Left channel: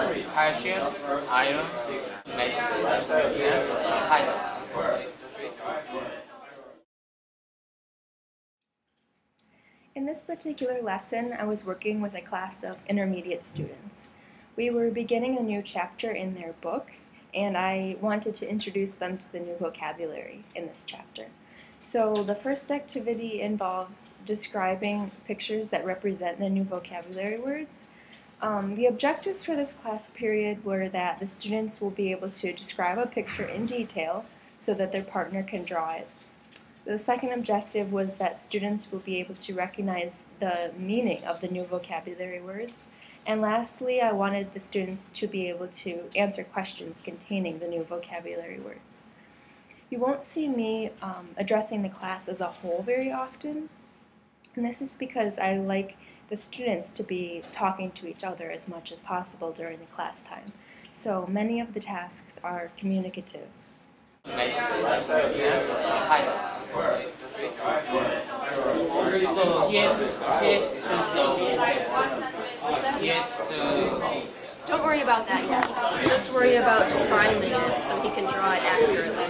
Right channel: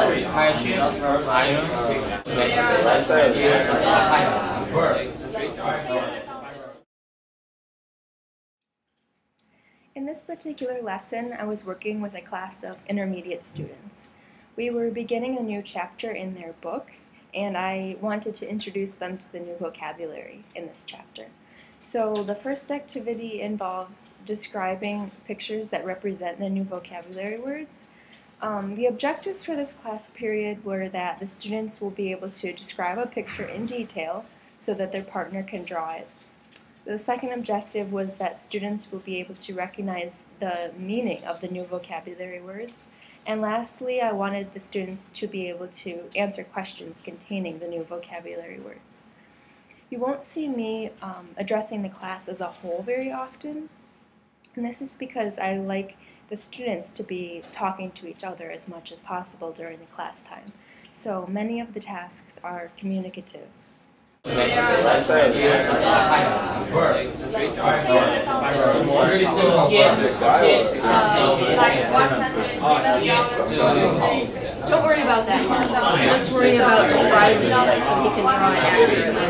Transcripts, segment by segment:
calcium, iron, magnesium. In this particular lesson, I was working with a class of intermediate students. We were beginning a new chapter in their book, and I wanted to introduce them to the new vocabulary in this chapter. So the first activity involves describing pictures that represent the new vocabulary words. The objectives for this class period were that the students will be able to describe a picture in detail so that their partner can draw it. The second objective was that students will be able to recognize the meaning of the new vocabulary words. And lastly, I wanted the students to be able to answer questions containing the new vocabulary words. You won't see me addressing the class as a whole very often, and this is because I like the students to be talking to each other as much as possible during the class time. So many of the tasks are communicative. Don't worry about that yet. Just worry about describing it so he can draw it accurately.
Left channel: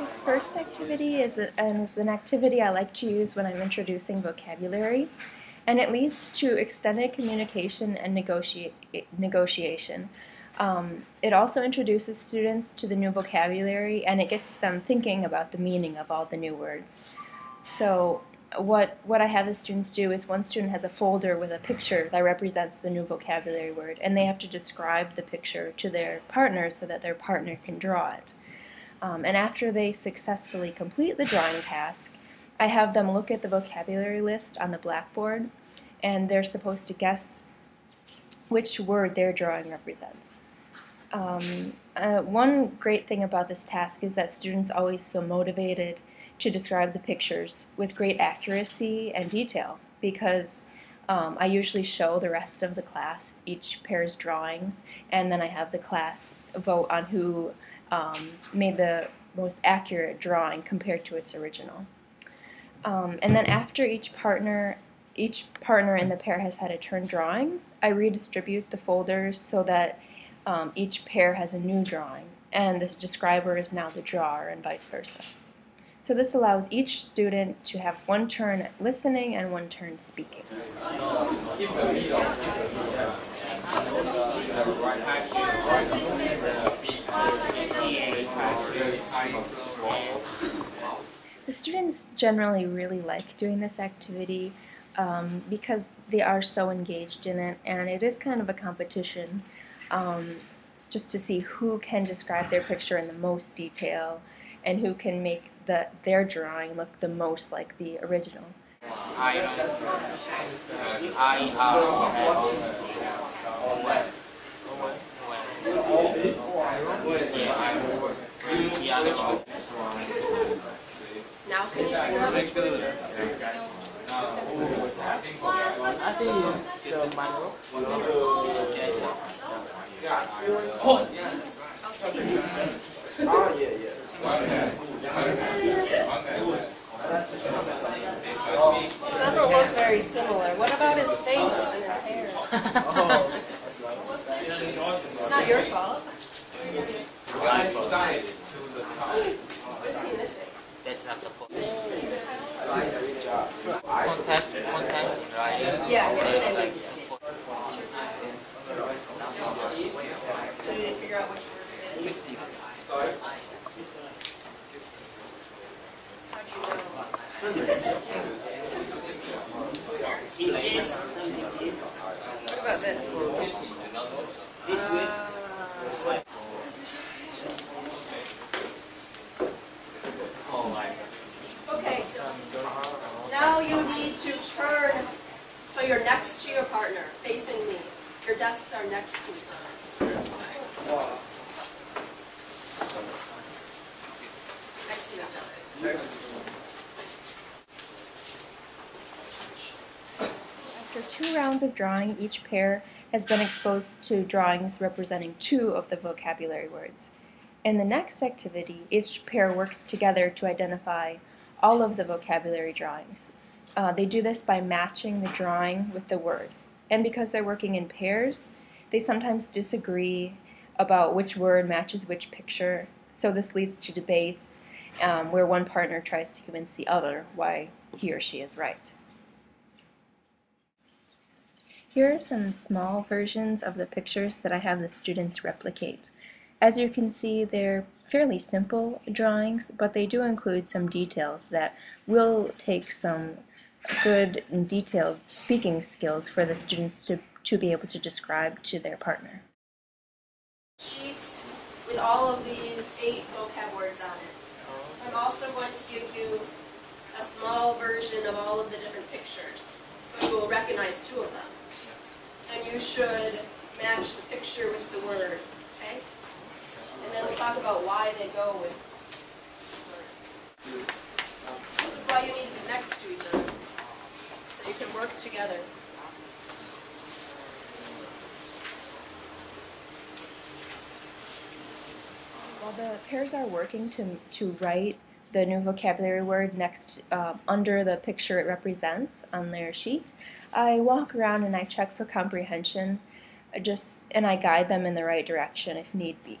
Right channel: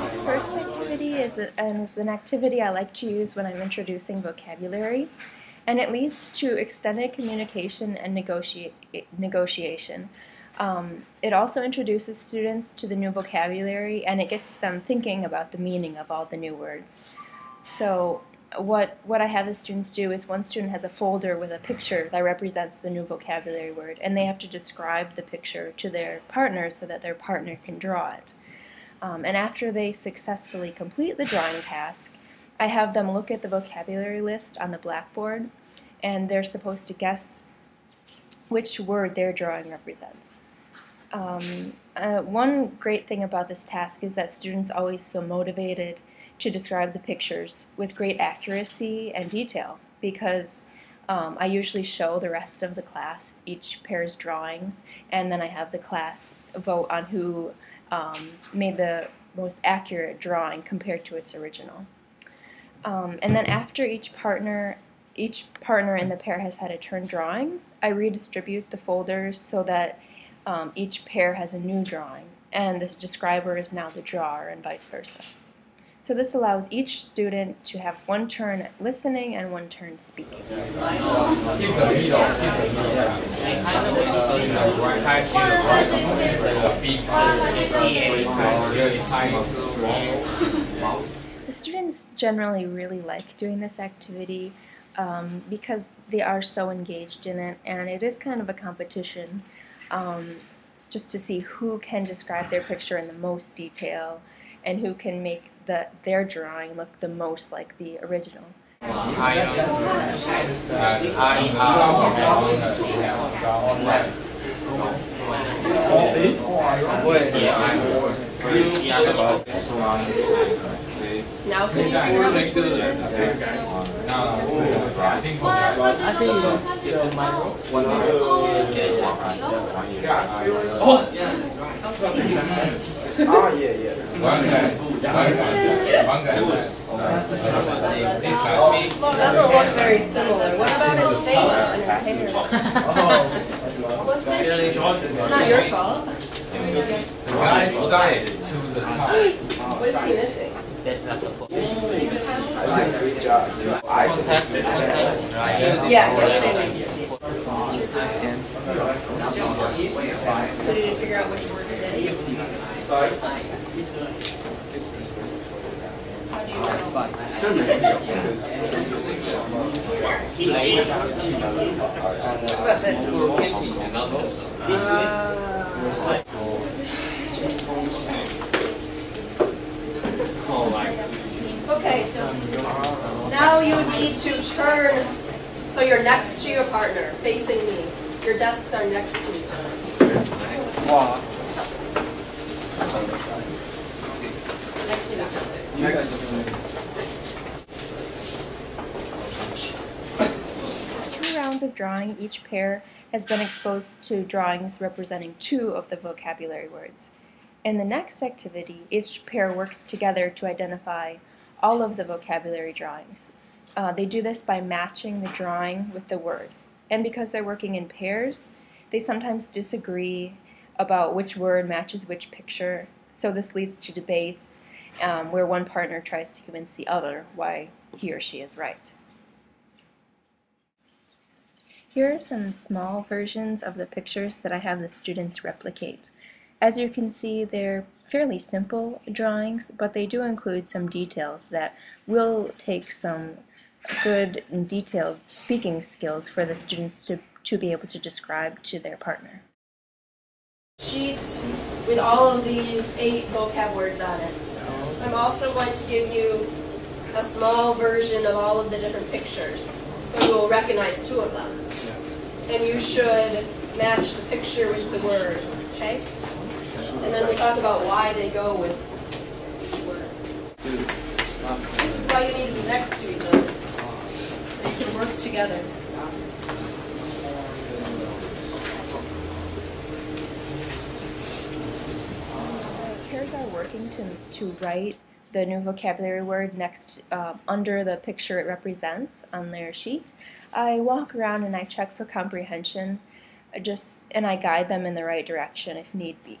This first activity is an activity I like to use when I'm introducing vocabulary, and it leads to extended communication and negotiation. It also introduces students to the new vocabulary, and it gets them thinking about the meaning of all the new words. So what I have the students do is one student has a folder with a picture that represents the new vocabulary word, and they have to describe the picture to their partner so that their partner can draw it. And after they successfully complete the drawing task, I have them look at the vocabulary list on the blackboard, and they're supposed to guess which word their drawing represents. One great thing about this task is that students always feel motivated to describe the pictures with great accuracy and detail, because I usually show the rest of the class each pair's drawings, and then I have the class vote on who made the most accurate drawing compared to its original. And then after each partner in the pair has had a turn drawing, I redistribute the folders so that each pair has a new drawing, and the describer is now the drawer, and vice versa. So this allows each student to have one turn listening and one turn speaking. The students generally really like doing this activity because they are so engaged in it, and it is kind of a competition just to see who can describe their picture in the most detail and who can make their drawing look the most like the original. Now can you figure out which one it is? I think it's my role. Oh, yeah. Doesn't look very similar. What about his face and his hair? It's not your fault. What is he missing? That's not supposed to be. I did a great job. Contact, right? Yeah. So did you figure out which word it is? How do you Okay, so now you need to turn so you're next to your partner, facing me. Your desks are next to each other. Next to each other. For 2 rounds of drawing, each pair has been exposed to drawings representing 2 of the vocabulary words. In the next activity, each pair works together to identify all of the vocabulary drawings. They do this by matching the drawing with the word. And because they're working in pairs, they sometimes disagree about which word matches which picture. So this leads to debates where one partner tries to convince the other why he or she is right. Here are some small versions of the pictures that I have the students replicate. As you can see, they're fairly simple drawings, but they do include some details that will take some good and detailed speaking skills for the students to be able to describe to their partner. Sheet with all of these 8 vocab words on it. I'm also going to give you a small version of all of the different pictures, so you will recognize 2 of them. And you should match the picture with the word, okay? And then we'll talk about why they go with each word. This is why you need to be next to each other, so you can work together. The pairs are working to write the new vocabulary word next under the picture it represents on their sheet. I walk around and I check for comprehension, and I guide them in the right direction if need be.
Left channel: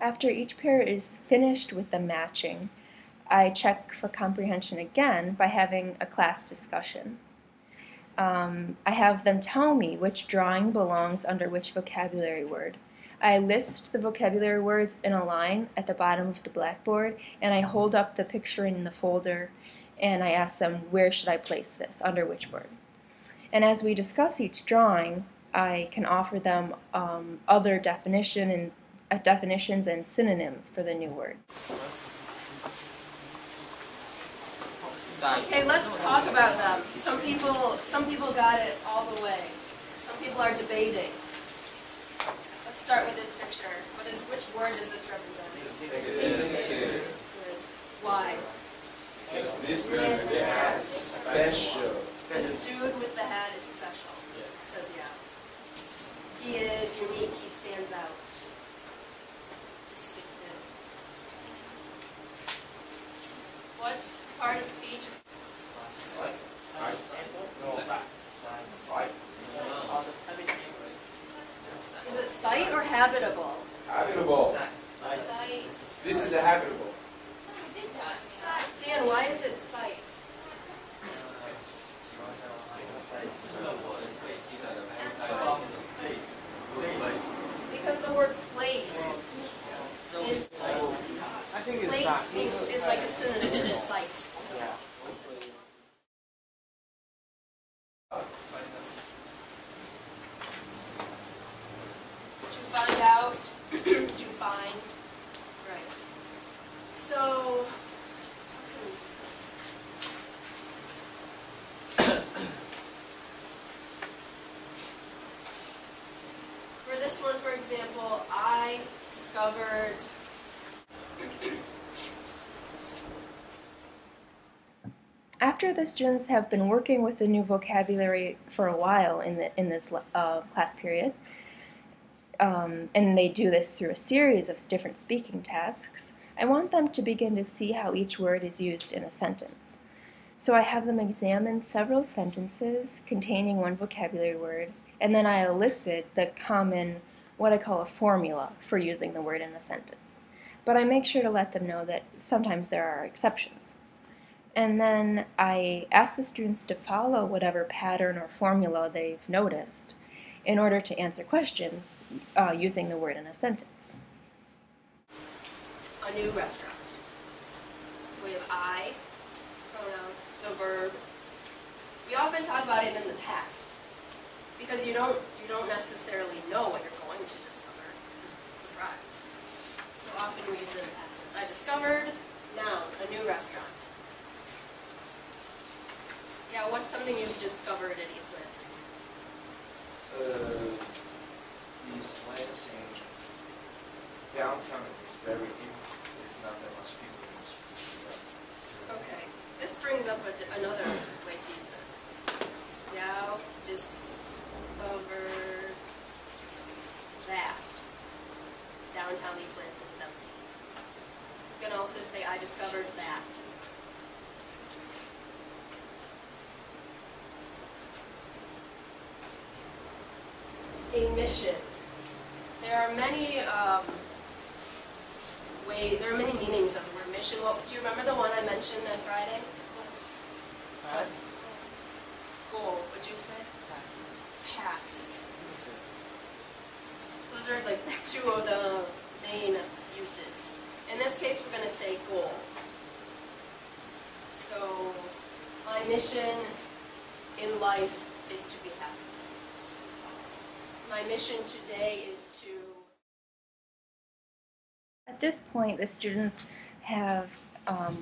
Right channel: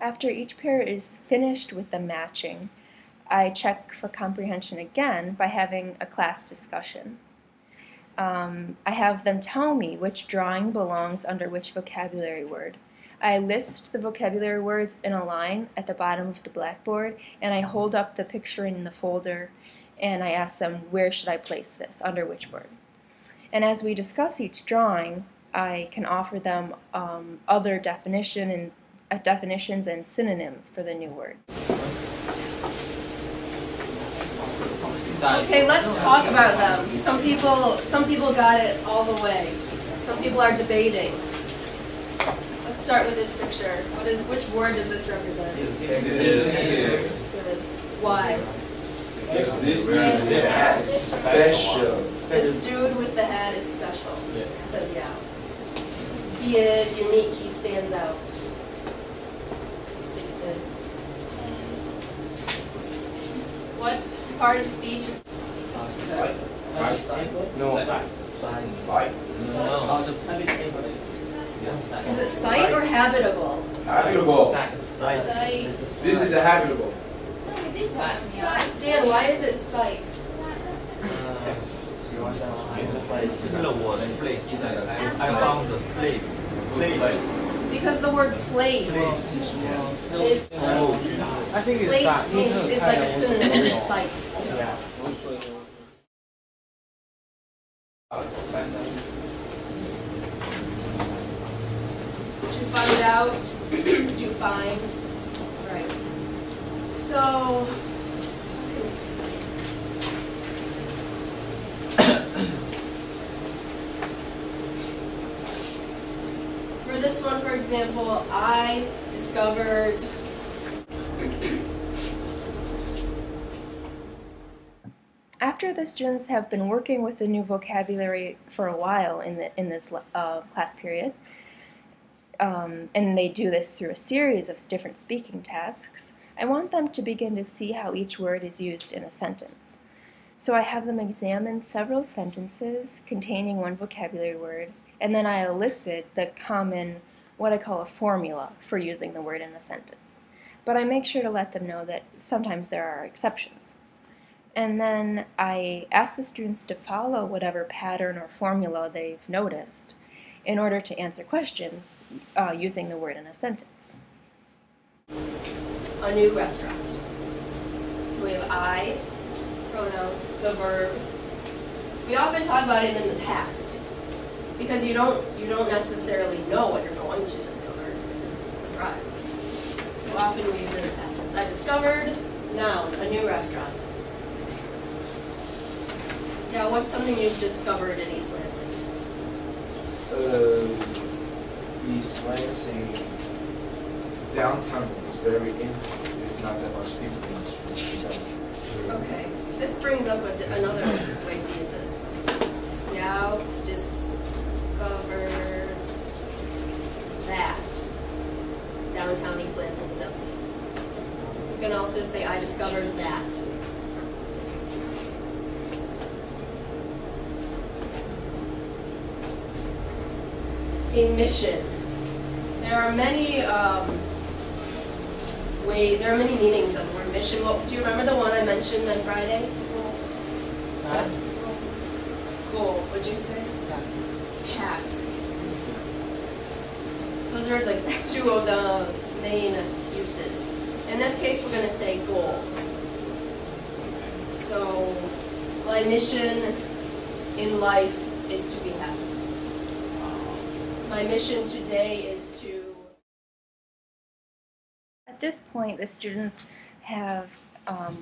After each pair is finished with the matching, I check for comprehension again by having a class discussion. I have them tell me which drawing belongs under which vocabulary word. I list the vocabulary words in a line at the bottom of the blackboard, and I hold up the picture in the folder, and I ask them, where should I place this, under which word? And as we discuss each drawing, I can offer them other definitions and synonyms for the new words. Okay, let's talk about them. Some people got it all the way. Some people are debating. Let's start with this picture. Which word does this represent? Good. Why? Because this dude with the hat is special. This dude with the hat is special, says yeah. He is unique, he stands out. Distinctive. What part of speech is Sight. No. Sight. Is it sight or habitable? Habitable. Sight. This is a habitable. Dan, why is it sight? Because the word place is I think it's place is like a synonym for sight. Yeah. To find out, to find, right. So, for this one, for example, I discovered After the students have been working with the new vocabulary for a while in this class period, and they do this through a series of different speaking tasks, I want them to begin to see how each word is used in a sentence. So I have them examine several sentences containing one vocabulary word, and then I elicit the common, what I call a formula for using the word in a sentence. But I make sure to let them know that sometimes there are exceptions. And then I ask the students to follow whatever pattern or formula they've noticed in order to answer questions using the word in a sentence. a new restaurant. So we have I, pronoun, the verb. We often talk about it in the past because you don't necessarily know what you're going to discover. It's a surprise. So often we use it in the past tense. I discovered, noun, a new restaurant. Yeah, what's something you've discovered in East Lansing? East Lansing downtown is very empty. There's not that much people in this present. Okay, this brings up another way to use this. Now discover that downtown East Lansing is empty. You can also say, I discovered that. A mission. There are many there are many meanings of the word mission. Well, do you remember the one I mentioned on Friday? Task. Goal. What'd you say? Task. Those are like two of the main uses. In this case, we're going to say goal. So, my mission in life is to be happy. My mission today is to... At this point, the students have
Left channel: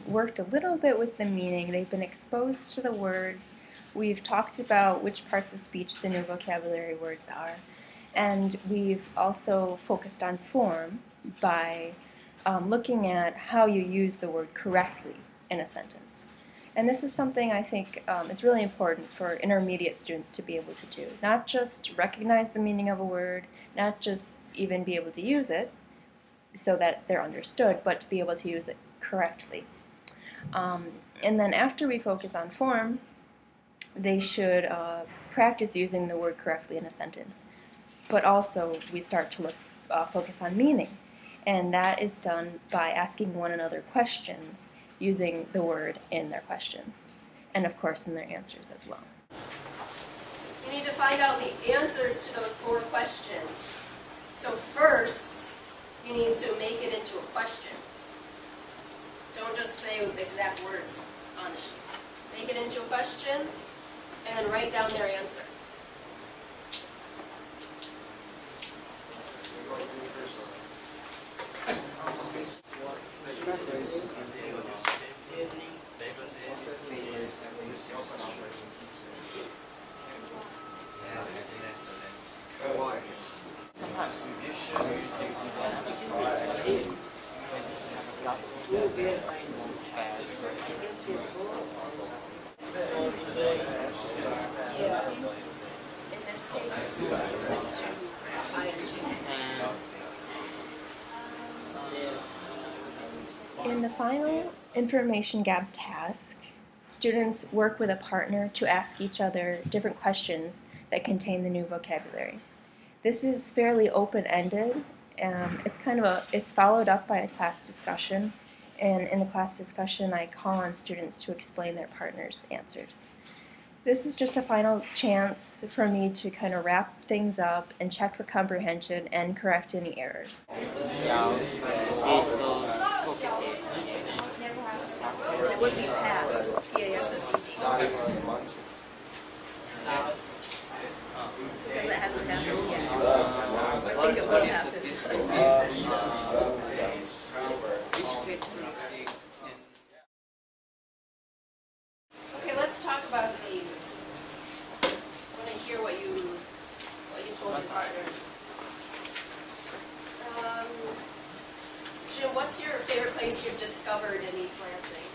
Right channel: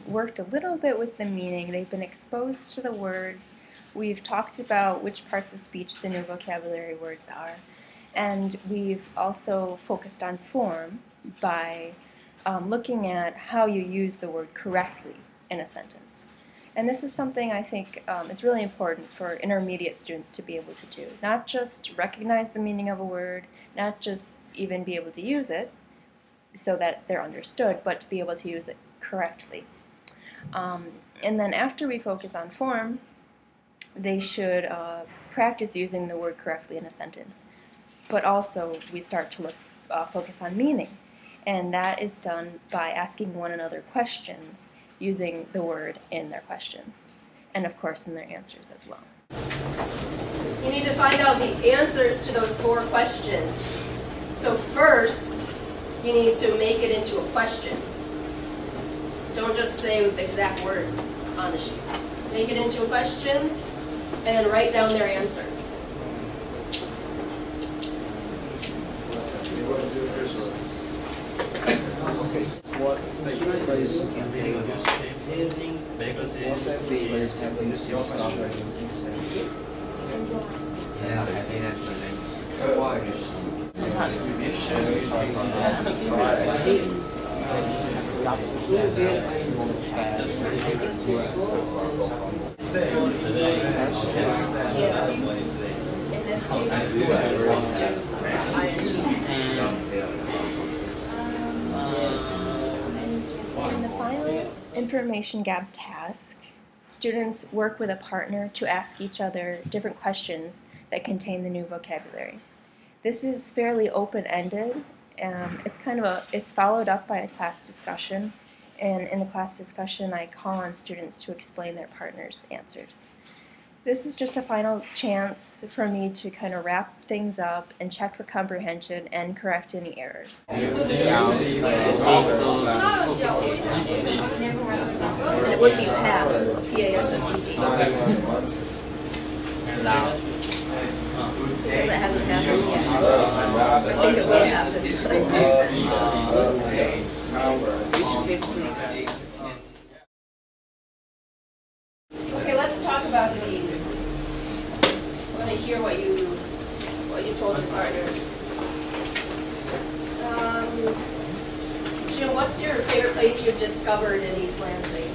worked a little bit with the meaning. They've been exposed to the words. We've talked about which parts of speech the new vocabulary words are. And we've also focused on form by looking at how you use the word correctly in a sentence. And this is something I think is really important for intermediate students to be able to do. Not just recognize the meaning of a word, not just even be able to use it so that they're understood, but to be able to use it correctly. And then after we focus on form, they should practice using the word correctly in a sentence. But also we start to focus on meaning. And that is done by asking one another questions using the word in their questions. And of course in their answers as well. You need to find out the answers to those 4 questions. So first, you need to make it into a question. Don't just say the exact words on the sheet. Make it into a question, and then write down their answer. What phrase can they use? What phrase have you discovered in this language? Yes, that's the name. Sometimes Yeah. In this case, it's ing. In the final information gap task, students work with a partner to ask each other different questions that contain the new vocabulary. This is fairly open-ended. It's followed up by a class discussion, and in the class discussion I call on students to explain their partner's answers. This is just a final chance for me to kind of wrap things up and check for comprehension and correct any errors. And it would be pass, P-A-S-S-E-D. Because it hasn't happened yet. I think it will happen. Okay, let's talk about these. I want to hear what you told your partner. Jim, what's your favorite place you've discovered in East Lansing?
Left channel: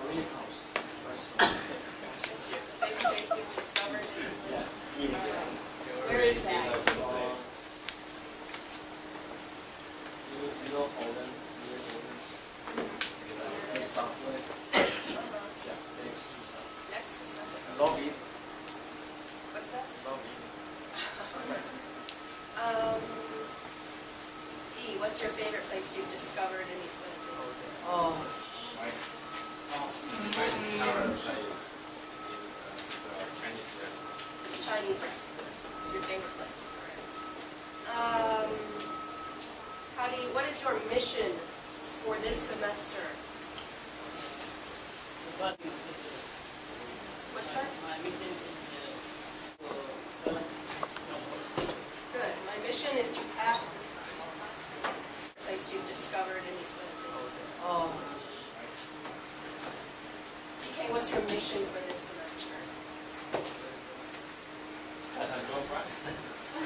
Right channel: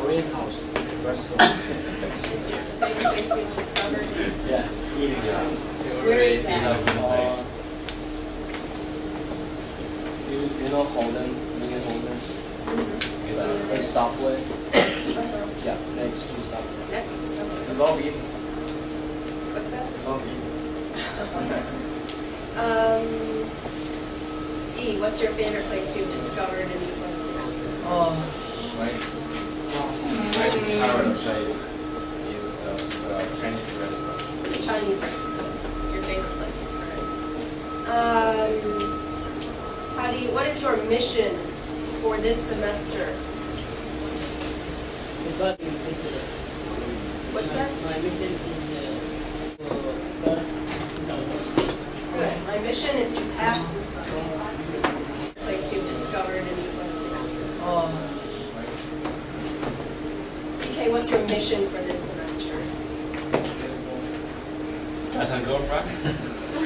Korean house, restaurant. It's your favorite place you've discovered in East Lansing? Where is that? You know Holden, Mini Holden? The subway? Yeah, next to subway. Next to something. Lobby. What's that? Lobby. E, what's your favorite place you've discovered in East Lansing? My favorite place is the Chinese restaurant. The Chinese restaurant. It's your favorite place. All right. What is your mission for this semester? What's that? My mission is Good. My mission is to pass this level. Place you've discovered in East Lansing. DK, what's your mission for this semester? Girlfriend?